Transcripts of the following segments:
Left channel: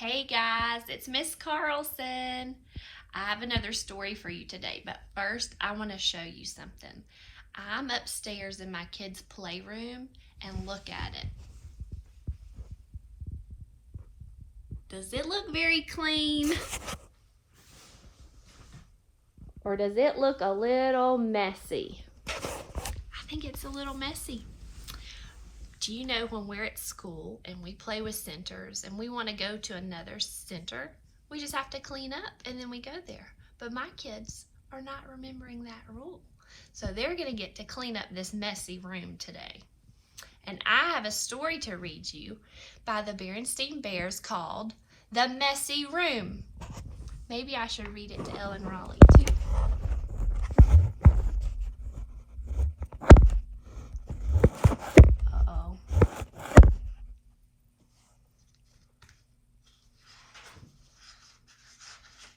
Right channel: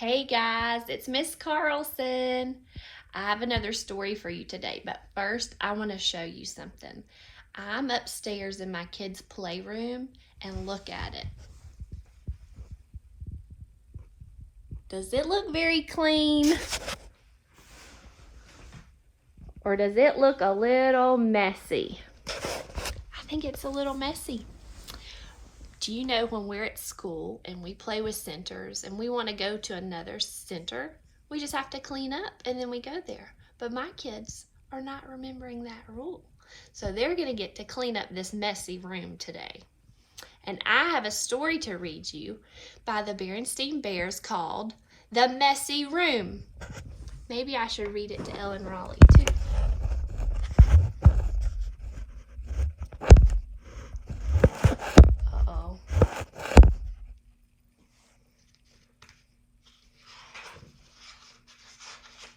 Hey guys, it's Miss Carlson. I have another story for you today, but first I want to show you something. I'm upstairs in my kids' playroom and look at it. Does it look very clean? Or does it look a little messy? I think it's a little messy. Do you know when we're at school and we play with centers and we want to go to another center, we just have to clean up and then we go there. But my kids are not remembering that rule. So they're going to get to clean up this messy room today. And I have a story to read you by the Berenstein Bears called The Messy Room. Maybe I should read it to Ellen Raleigh too.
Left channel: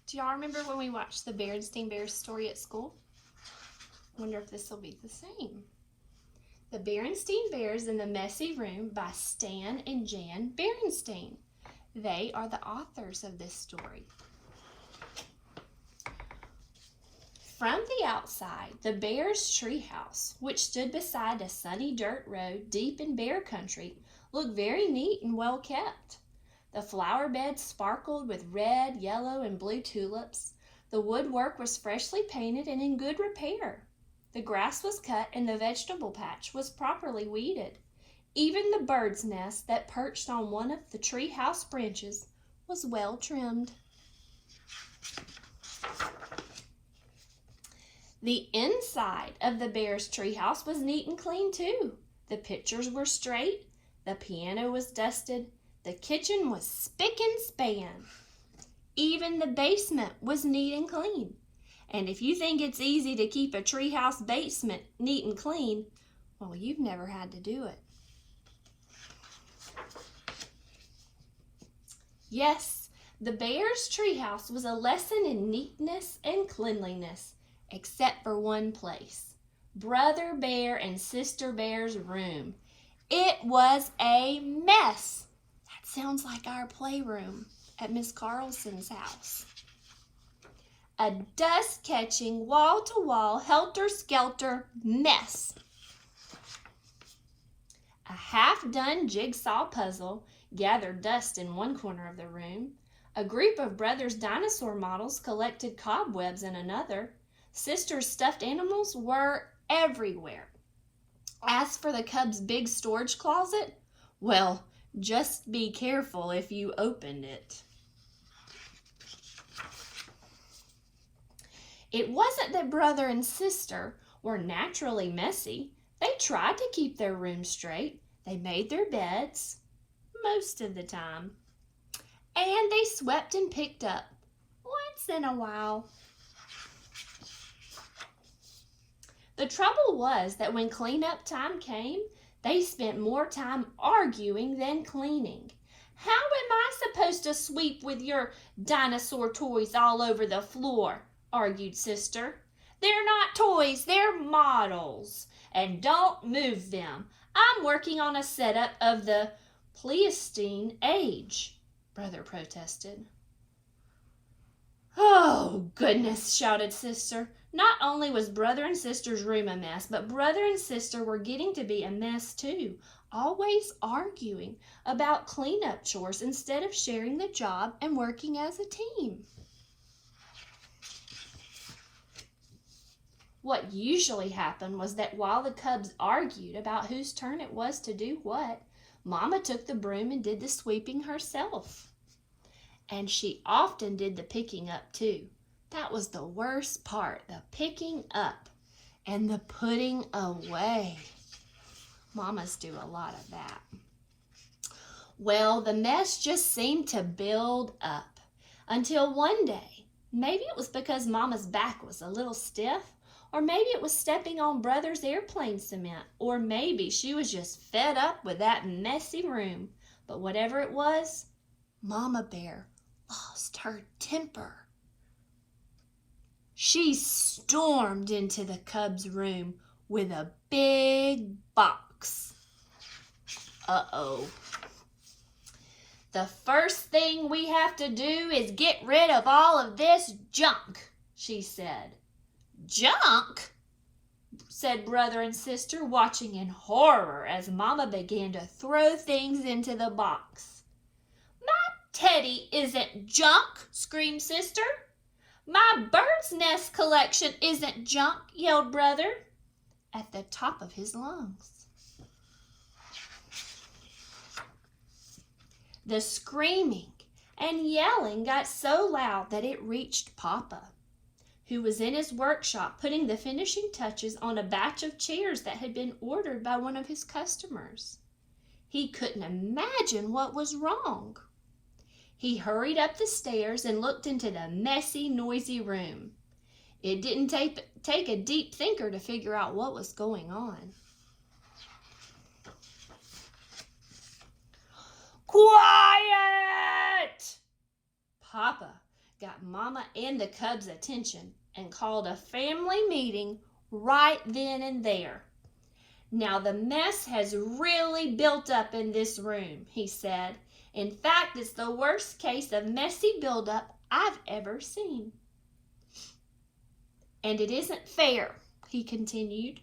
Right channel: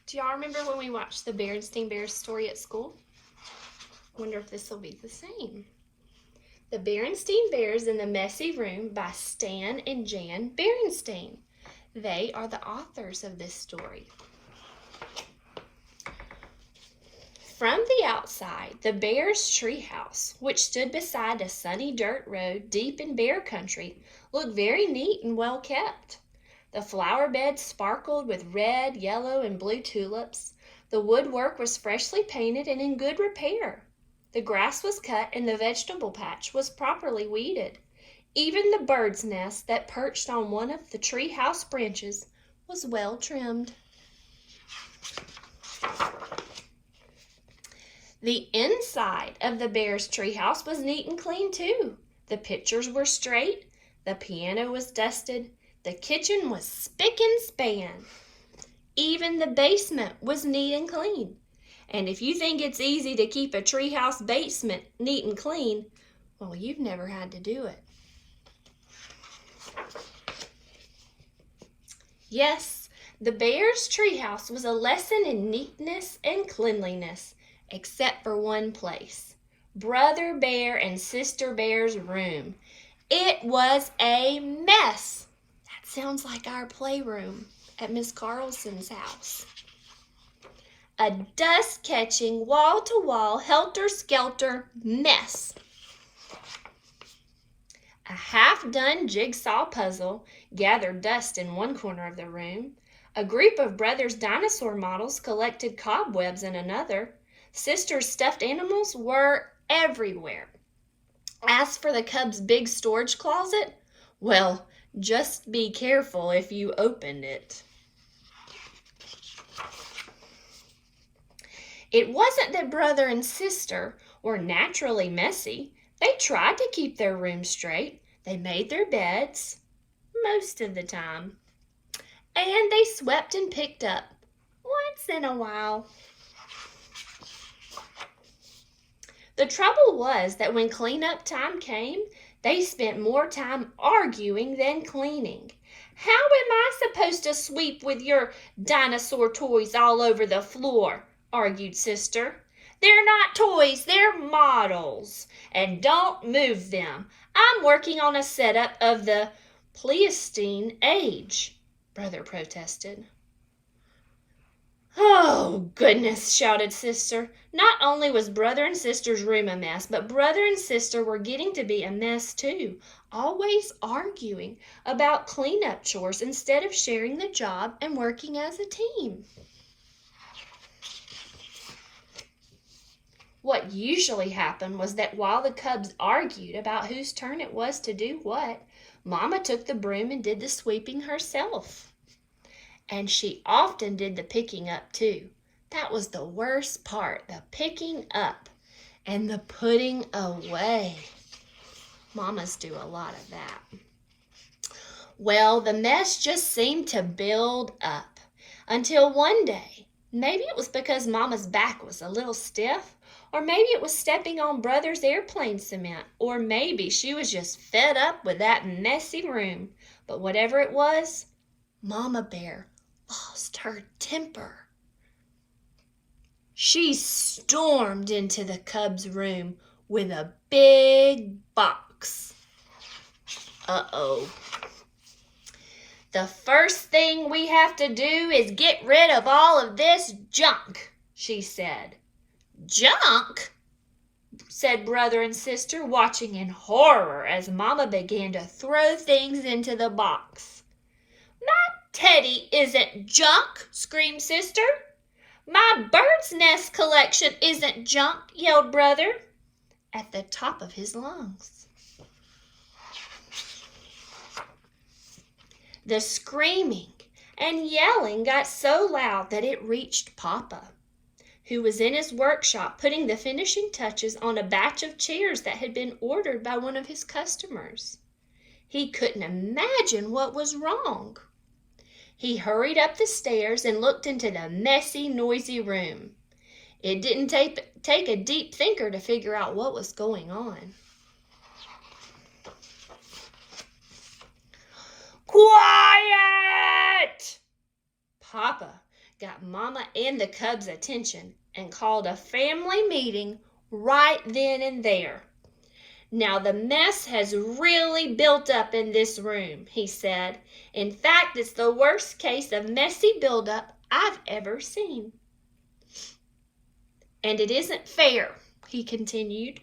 Do y'all remember when we watched the Berenstein Bears story at school? Wonder if this will be the same. The Berenstein Bears in the Messy Room by Stan and Jan Berenstein. They are the authors of this story. From the outside, the Bears' treehouse, which stood beside a sunny dirt road deep in bear country, looked very neat and well kept. The flower beds sparkled with red, yellow, and blue tulips. The woodwork was freshly painted and in good repair. The grass was cut and the vegetable patch was properly weeded. Even the bird's nest that perched on one of the tree house branches was well trimmed. The inside of the Bears' treehouse was neat and clean too. The pictures were straight, the piano was dusted, the kitchen was spick and span. Even the basement was neat and clean. And if you think it's easy to keep a treehouse basement neat and clean, well, you've never had to do it. Yes, the Bears' treehouse was a lesson in neatness and cleanliness, except for one place, Brother Bear and Sister Bear's room. It was a mess. That sounds like our playroom at Miss Carlson's house. A dust-catching, wall-to-wall, helter-skelter mess. A half-done jigsaw puzzle gathered dust in one corner of the room. A group of brothers' dinosaur models collected cobwebs in another. Sister's stuffed animals were everywhere. As for the cub's big storage closet, well, just be careful if you opened it. It wasn't that brother and sister were naturally messy. They tried to keep their room straight. They made their beds most of the time. And they swept and picked up once in a while. The trouble was that when cleanup time came, they spent more time arguing than cleaning. How am I supposed to sweep with your dinosaur toys all over the floor? Argued Sister. They're not toys, they're models. And don't move them. I'm working on a setup of the Pleistocene age, Brother protested. Oh, goodness, shouted Sister. Not only was Brother and Sister's room a mess, but Brother and Sister were getting to be a mess too, always arguing about cleanup chores instead of sharing the job and working as a team. What usually happened was that while the cubs argued about whose turn it was to do what, Mama took the broom and did the sweeping herself. And she often did the picking up too. That was the worst part, the picking up and the putting away. Mamas do a lot of that. Well, the mess just seemed to build up until one day, maybe it was because Mama's back was a little stiff, or maybe it was stepping on Brother's airplane cement, or maybe she was just fed up with that messy room. But whatever it was, Mama Bear lost her temper. She stormed into the cub's room with a big box. Uh-oh. "The first thing we have to do is get rid of all of this junk," she said. "Junk?" said brother and sister, watching in horror as Mama began to throw things into the box. "My teddy isn't junk," screamed sister. "My bird's nest collection isn't junk," yelled brother at the top of his lungs. The screaming and yelling got so loud that it reached Papa, who was in his workshop putting the finishing touches on a batch of chairs that had been ordered by one of his customers. He couldn't imagine what was wrong. He hurried up the stairs and looked into the messy, noisy room. It didn't take a deep thinker to figure out what was going on. "Quiet!" Papa got Mama and the cubs' attention and called a family meeting right then and there. "Now the mess has really built up in this room," he said. "In fact, it's the worst case of messy buildup I've ever seen. And it isn't fair," he continued.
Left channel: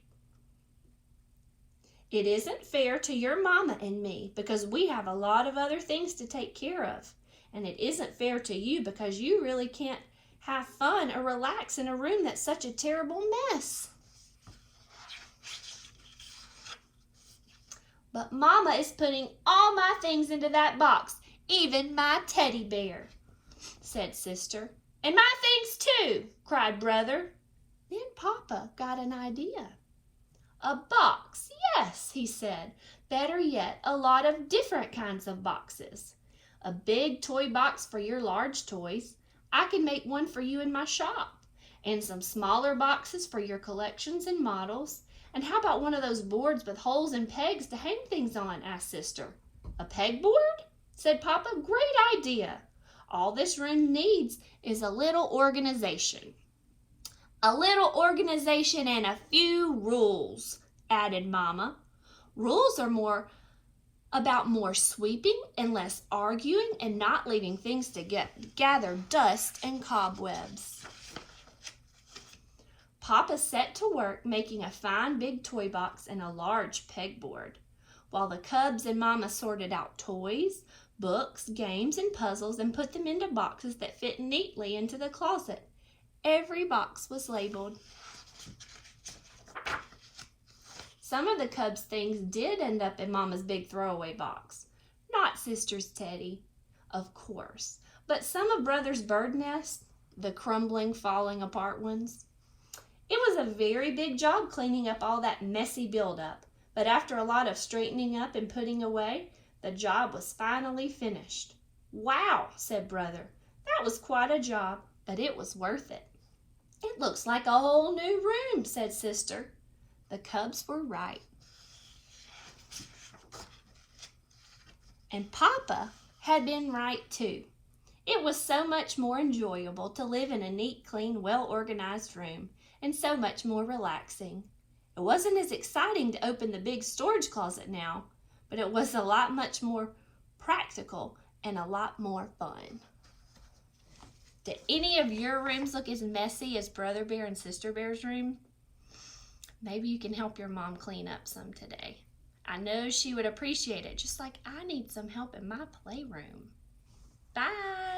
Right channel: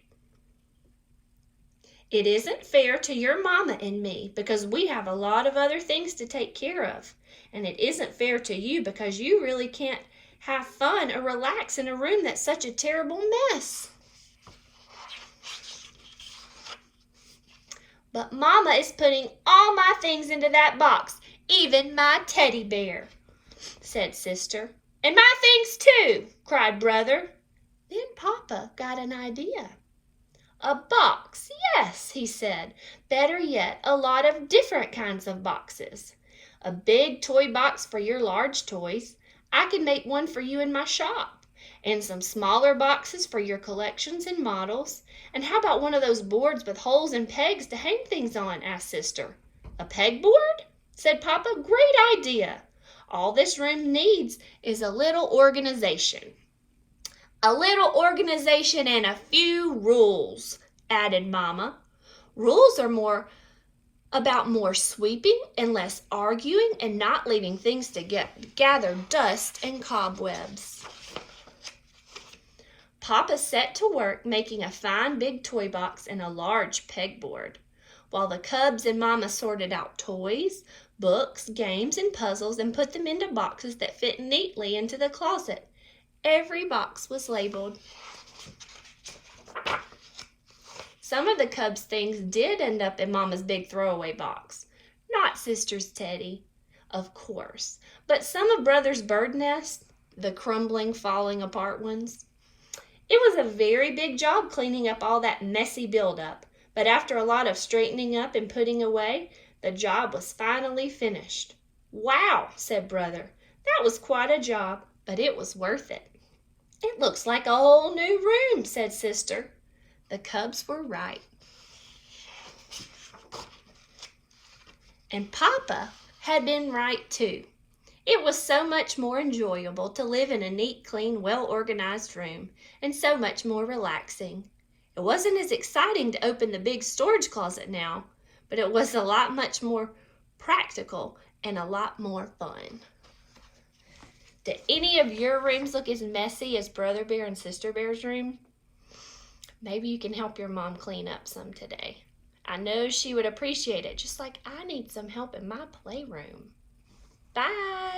"It isn't fair to your Mama and me because we have a lot of other things to take care of. And it isn't fair to you because you really can't have fun or relax in a room that's such a terrible mess. But Mama is putting all my things into that box, even my teddy bear," said sister. "And my things too," cried brother. Then Papa got an idea. "A box, yes," he said. "Better yet, a lot of different kinds of boxes. A big toy box for your large toys. I can make one for you in my shop. And some smaller boxes for your collections and models. And how about one of those boards with holes and pegs to hang things on?" asked sister. "A pegboard?" said Papa. "Great idea. All this room needs is a little organization." "A little organization and a few rules," added Mama. "Rules are about more sweeping and less arguing and not leaving things to gather dust and cobwebs." Papa set to work making a fine big toy box and a large pegboard, while the cubs and Mama sorted out toys, books, games, and puzzles and put them into boxes that fit neatly into the closet. Every box was labeled. Some of the cubs' things did end up in Mama's big throwaway box. Not sister's teddy, of course, but some of brother's bird nests, the crumbling, falling apart ones. It was a very big job cleaning up all that messy buildup, but after a lot of straightening up and putting away, the job was finally finished. "Wow," said brother. "That was quite a job, but it was worth it." "It looks like a whole new room," said sister. The cubs were right. And Papa had been right too. It was so much more enjoyable to live in a neat, clean, well-organized room, and so much more relaxing. It wasn't as exciting to open the big storage closet now, but it was a lot much more practical and a lot more fun. Did any of your rooms look as messy as Brother Bear and Sister Bear's room? Maybe you can help your mom clean up some today. I know she would appreciate it, just like I need some help in my playroom. Bye!